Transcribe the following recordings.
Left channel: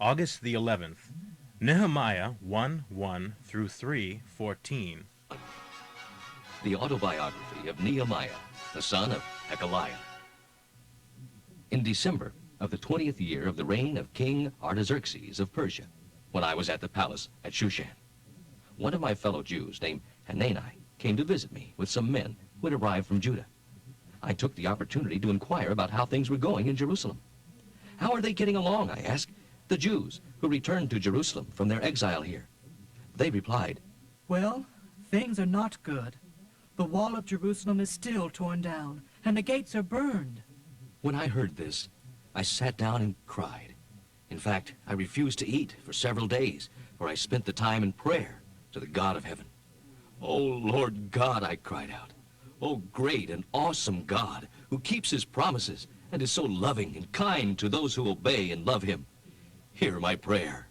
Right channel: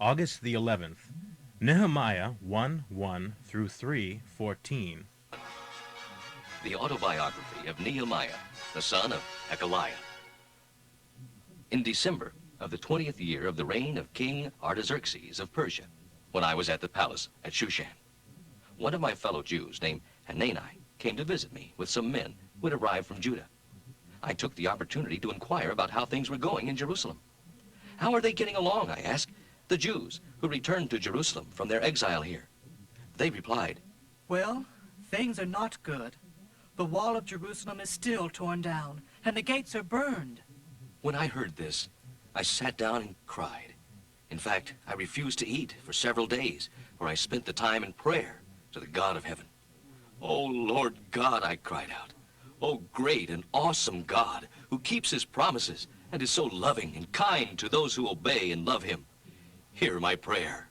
August the 11th. Nehemiah 1:1 through 3:14. The autobiography of Nehemiah, the son of Hekeliah. In December of the 20th year of the reign of King Artaxerxes of Persia, when I was at the palace at Shushan, one of my fellow Jews named Hanani came to visit me with some men who had arrived from Judah. I took the opportunity to inquire about how things were going in Jerusalem. How are they getting along, I asked, the Jews who returned to Jerusalem from their exile here? They replied, Well, things are not good. The wall of Jerusalem is still torn down, and the gates are burned. When I heard this, I sat down and cried. In fact, I refused to eat for several days, for I spent the time in prayer to the God of heaven. Oh, Lord God, I cried out. Oh, great and awesome God, who keeps his promises and is so loving and kind to those who obey and love him. Hear my prayer.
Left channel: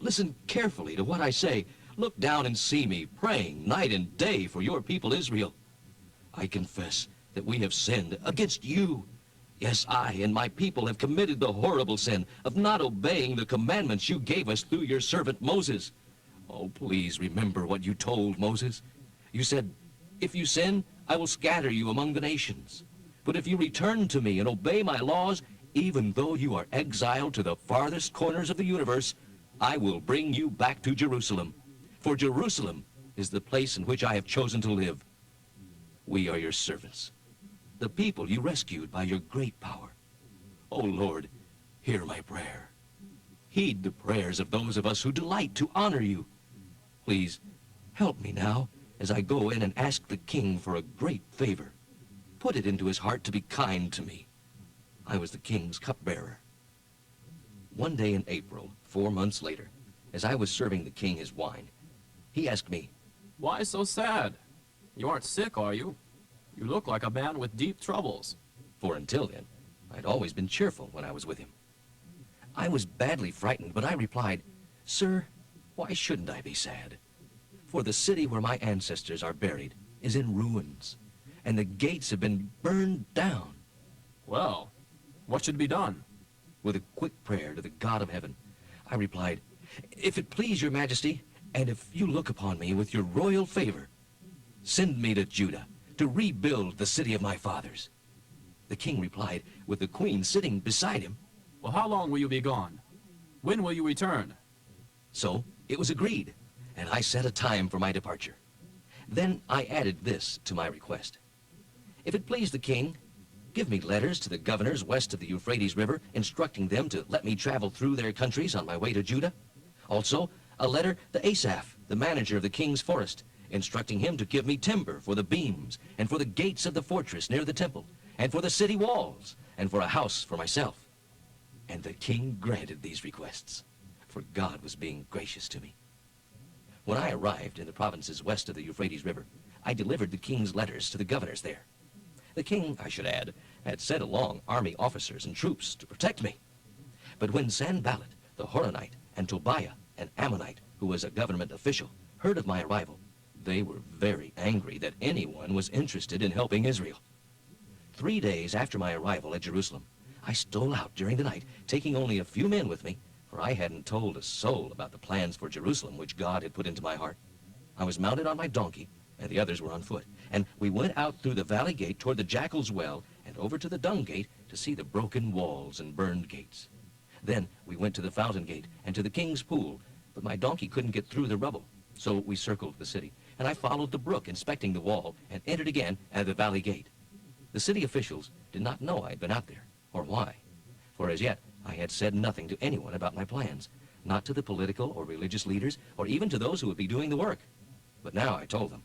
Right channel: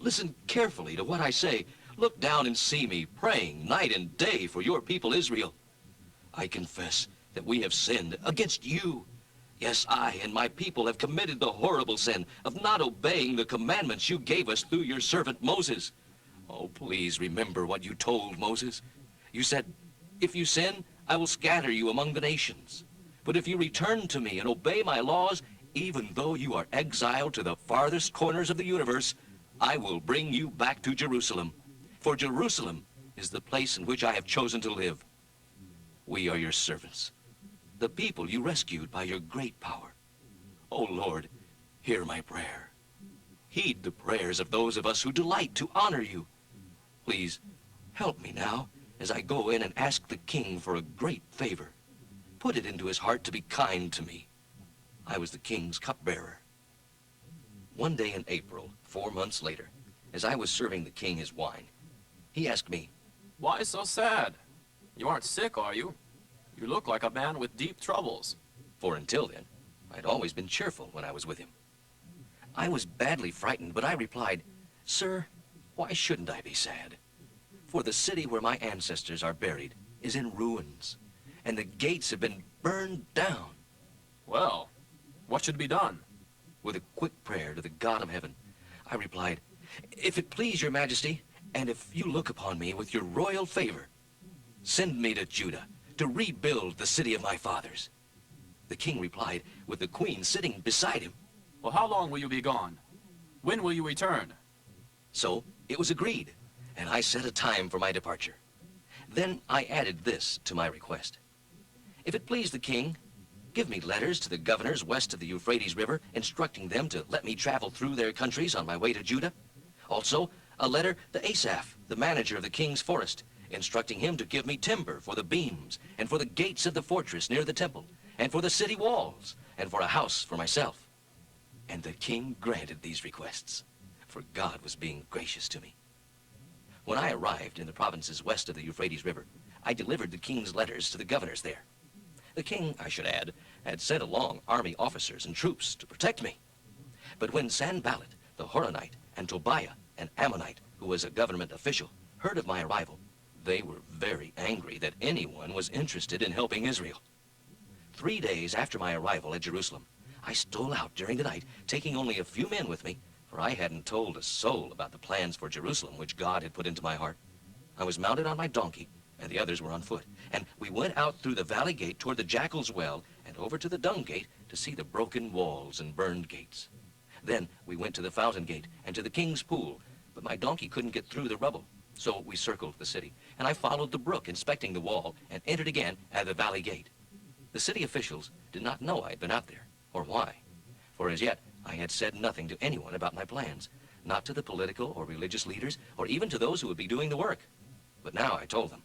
Listen carefully to what I say. Look down and see me praying night and day for your people Israel. I confess that we have sinned against you. Yes, I and my people have committed the horrible sin of not obeying the commandments you gave us through your servant Moses. Oh, please remember what you told Moses. You said, if you sin, I will scatter you among the nations. But if you return to me and obey my laws, even though you are exiled to the farthest corners of the universe, I will bring you back to Jerusalem. For Jerusalem is the place in which I have chosen to live. We are your servants, the people you rescued by your great power. O Lord, hear my prayer. Heed the prayers of those of us who delight to honor you. Please, help me now as I go in and ask the king for a great favor. Put it into his heart to be kind to me. I was the king's cupbearer. One day in April, 4 months later, as I was serving the king his wine, he asked me, Why so sad? You aren't sick, are you? You look like a man with deep troubles. for until then, I'd always been cheerful when I was with him. I was badly frightened, but I replied, Sir, why shouldn't I be sad? For the city where my ancestors are buried is in ruins, and the gates have been burned down. Well, what should be done? With a quick prayer to the God of heaven, I replied, If it please your majesty, and if you look upon me with your royal favor, send me to Judah to rebuild the city of my fathers. The king replied, with the queen sitting beside him. Well, how long will you be gone? When will you return? So it was agreed, and I set a time for my departure. Then I added this to my request. If it please the king, give me letters to the governors west of the Euphrates River, instructing them to let me travel through their countries on my way to Judah. Also, a letter to Asaph, the manager of the king's forest, instructing him to give me timber for the beams and for the gates of the fortress near the temple, and for the city walls, and for a house for myself. And the king granted these requests, for God was being gracious to me. When I arrived in the provinces west of the Euphrates River, I delivered the king's letters to the governors there. The king, I should add, had sent along army officers and troops to protect me. But when Sanballat, the Horonite, and Tobiah, an Ammonite, who was a government official, heard of my arrival, they were very angry that anyone was interested in helping Israel. 3 days after my arrival at Jerusalem, I stole out during the night, taking only a few men with me, for I hadn't told a soul about the plans for Jerusalem which God had put into my heart. I was mounted on my donkey, and the others were on foot, and we went out through the valley gate toward the Jackal's Well and over to the Dung Gate to see the broken walls and burned gates. Then we went to the Fountain Gate and to the King's Pool, but my donkey couldn't get through the rubble, so we circled the city, and I followed the brook, inspecting the wall, and entered again at the valley gate. The city officials did not know I'd been out there, or why, for as yet I had said nothing to anyone about my plans, not to the political or religious leaders, or even to those who would be doing the work. But now I told them,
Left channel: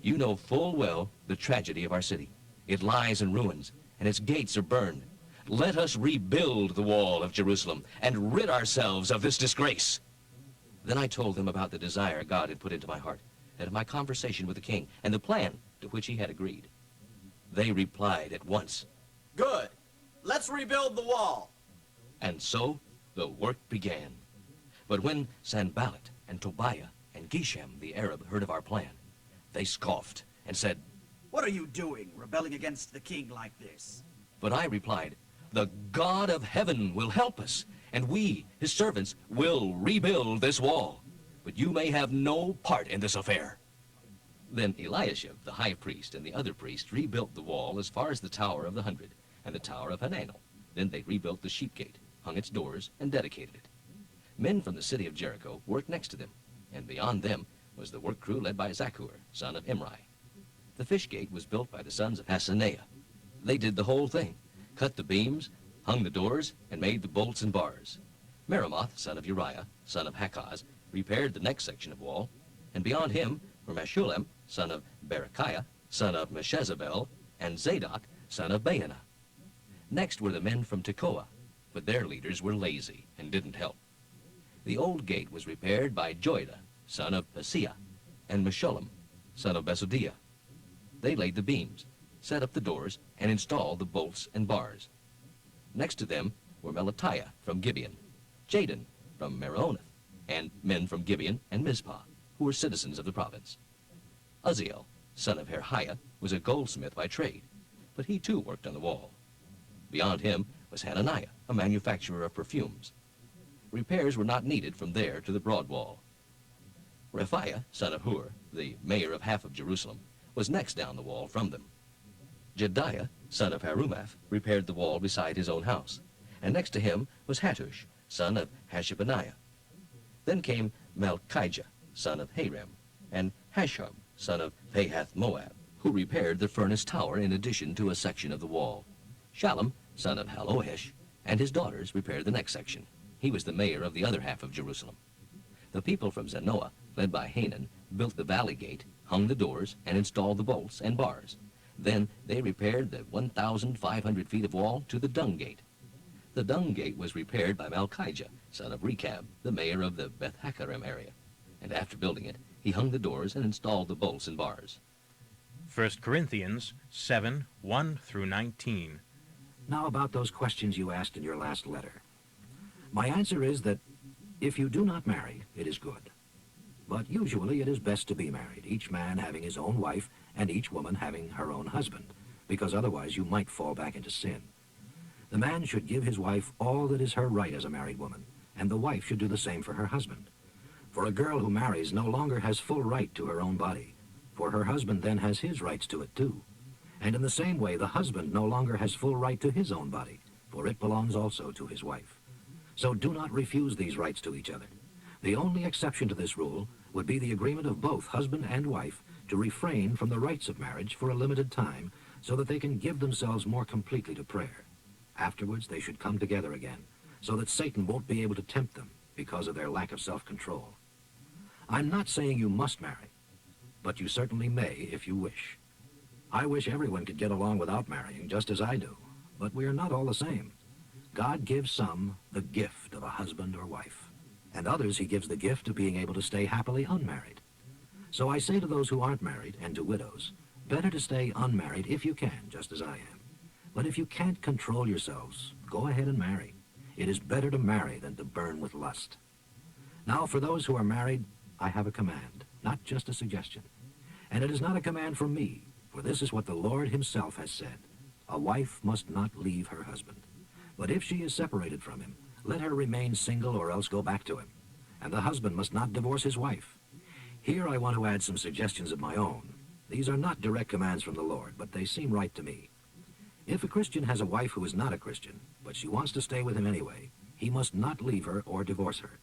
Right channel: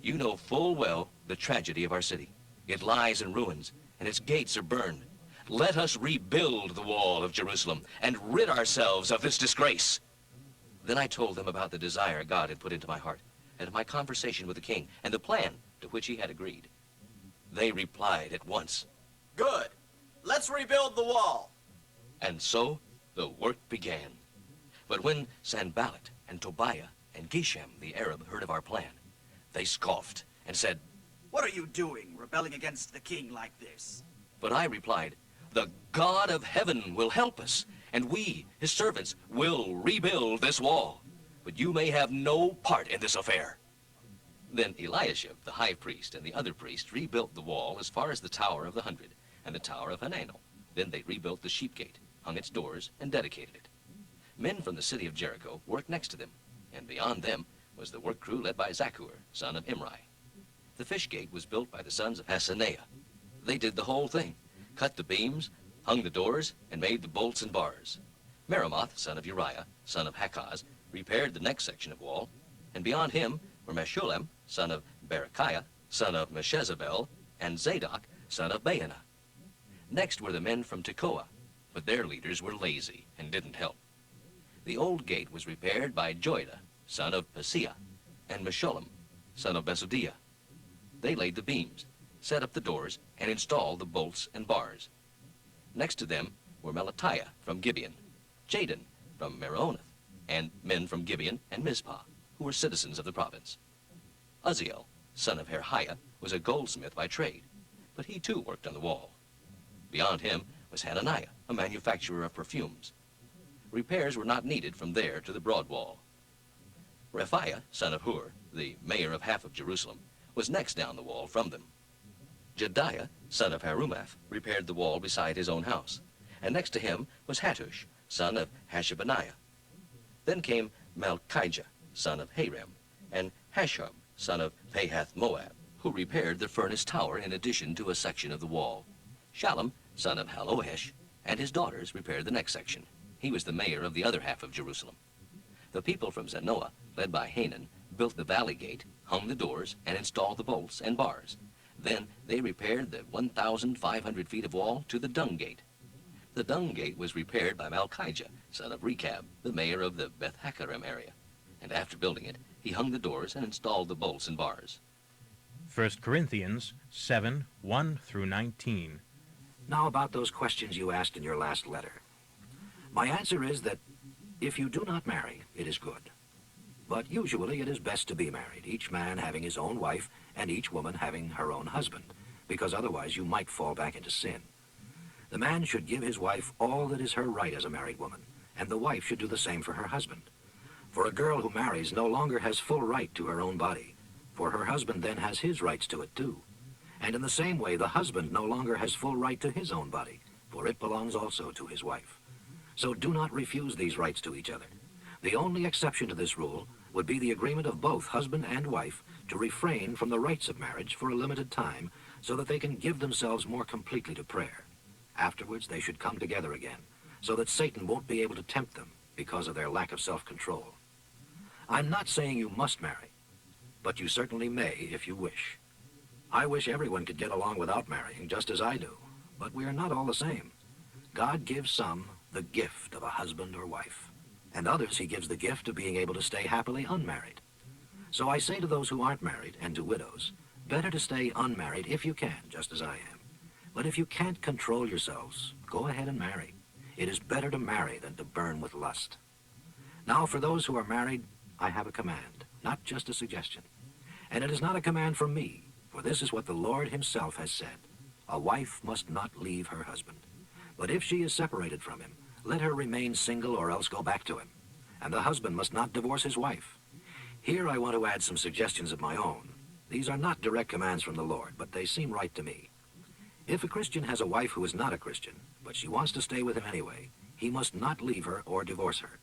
you know full well the tragedy of our city. It lies in ruins, and its gates are burned. Let us rebuild the wall of Jerusalem and rid ourselves of this disgrace. Then I told them about the desire God had put into my heart, and of my conversation with the king, and the plan to which he had agreed. They replied at once, Good. Let's rebuild the wall. and so the work began. But when Sanballat and Tobiah and Geshem the Arab heard of our plan, they scoffed and said, What are you doing, rebelling against the king like this? But I replied, the God of heaven will help us, and we, his servants, will rebuild this wall. But you may have no part in this affair." Then Eliashib, the high priest, and the other priests rebuilt the wall as far as the Tower of the 100 and the Tower of Hananel. Then they rebuilt the sheep gate, hung its doors, and dedicated it. Men from the city of Jericho worked next to them, and beyond them was the work crew led by Zakkur, son of Imri. The fish gate was built by the sons of Hassenaah. They did the whole thing, cut the beams, hung the doors, and made the bolts and bars. Meremoth, son of Uriah, son of Hakaz, repaired the next section of wall, and beyond him were Meshullam, son of Berechiah, son of Meshezabel, and Zadok, son of Baanah. Next were the men from Tekoa, but their leaders were lazy and didn't help. The old gate was repaired by Joiada, son of Paseah, and Meshullam, son of Besodiah. They laid the beams, set up the doors, and installed the bolts and bars. Next to them were Melatiah from Gibeon, Jadon from Meronoth, and men from Gibeon and Mizpah, who were citizens of the province. Uzziel, son of Herhiah, was a goldsmith by trade, but he too worked on the wall. Beyond him was Hananiah, a manufacturer of perfumes. Repairs were not needed from there to the broad wall. Rephaiah, son of Hur, the mayor of half of Jerusalem, was next down the wall from them. Jediah, son of Harumaph, repaired the wall beside his own house, and next to him was Hattush, son of Hashabaniah. Then came Malchijah, son of Harim, and Hashub, son of Pahath-Moab, who repaired the furnace tower in addition to a section of the wall. Shallum, son of Halohesh, and his daughters repaired the next section. He was the mayor of the other half of Jerusalem. The people from Zanoah, led by Hanan, built the valley gate, hung the doors, and installed the bolts and bars. Then they repaired the 1,500 feet of wall to the dung gate. The dung gate was repaired by Malchijah, son of Rechab, the mayor of the Beth-Haccherem area. And after building it, he hung the doors and installed the bolts and bars. 1 Corinthians 7, 1 through 19. Now about those questions you asked in your last letter. My answer is that if you do not marry, it is good. But usually it is best to be married, each man having his own wife and each woman having her own husband, because otherwise you might fall back into sin. The man should give his wife all that is her right as a married woman, and the wife should do the same for her husband. For a girl who marries no longer has full right to her own body, for her husband then has his rights to it too. And in the same way, the husband no longer has full right to his own body, for it belongs also to his wife. So do not refuse these rights to each other. The only exception to this rule would be the agreement of both husband and wife to refrain from the rites of marriage for a limited time so that they can give themselves more completely to prayer. Afterwards, they should come together again so that Satan won't be able to tempt them because of their lack of self-control. I'm not saying you must marry, but you certainly may if you wish. I wish everyone could get along without marrying, just as I do, but we are not all the same. God gives some the gift of a husband or wife, and others he gives the gift of being able to stay happily unmarried. So I say to those who aren't married and to widows, better to stay unmarried if you can, just as I am. But if you can't control yourselves, go ahead and marry. It is better to marry than to burn with lust. Now, for those who are married, I have a command, not just a suggestion. And it is not a command from me, for this is what the Lord himself has said. A wife must not leave her husband. But if she is separated from him, let her remain single or else go back to him. And the husband must not divorce his wife. Here I want to add some suggestions of my own. These are not direct commands from the Lord, but they seem right to me. If a Christian has a wife who is not a Christian, but she wants to stay with him anyway, he must not leave her or divorce her.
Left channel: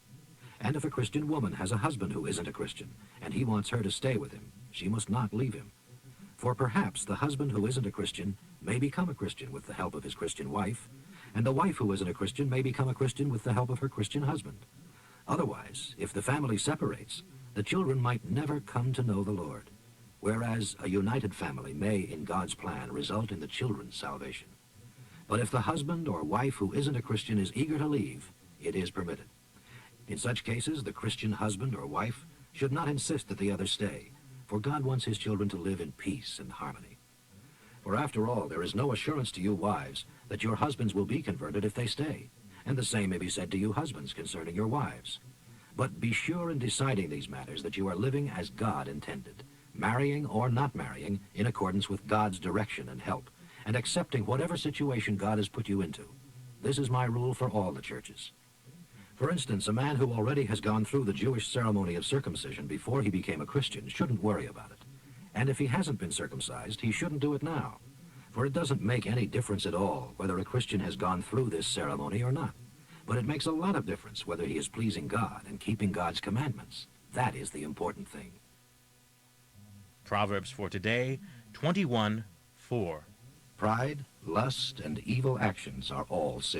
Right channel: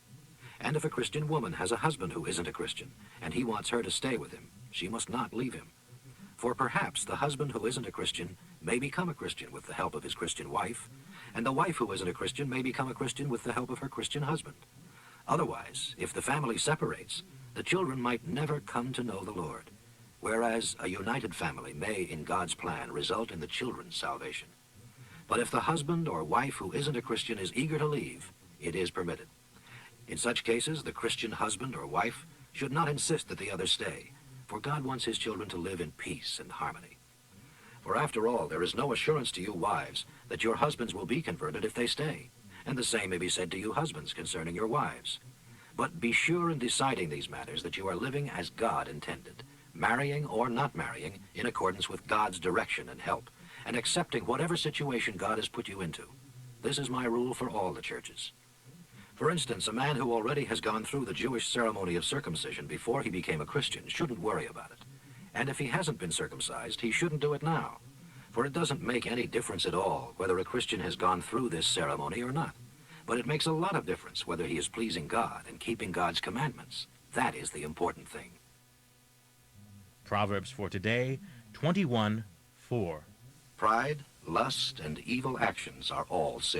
And if a Christian woman has a husband who isn't a Christian, and he wants her to stay with him, she must not leave him. For perhaps the husband who isn't a Christian may become a Christian with the help of his Christian wife, and the wife who isn't a Christian may become a Christian with the help of her Christian husband. Otherwise, if the family separates, the children might never come to know the Lord, whereas a united family may, in God's plan, result in the children's salvation. But if the husband or wife who isn't a Christian is eager to leave, it is permitted. In such cases, the Christian husband or wife should not insist that the other stay, for God wants his children to live in peace and harmony. For after all, there is no assurance to you wives that your husbands will be converted if they stay, and the same may be said to you husbands concerning your wives. But be sure in deciding these matters that you are living as God intended, marrying or not marrying in accordance with God's direction and help, and accepting whatever situation God has put you into. This is my rule for all the churches. For instance, a man who already has gone through the Jewish ceremony of circumcision before he became a Christian shouldn't worry about it. And if he hasn't been circumcised, he shouldn't do it now. For it doesn't make any difference at all whether a Christian has gone through this ceremony or not. But it makes a lot of difference whether he is pleasing God and keeping God's commandments. That is the important thing. Proverbs for today, 21:4. Pride, lust, and evil actions are all sin.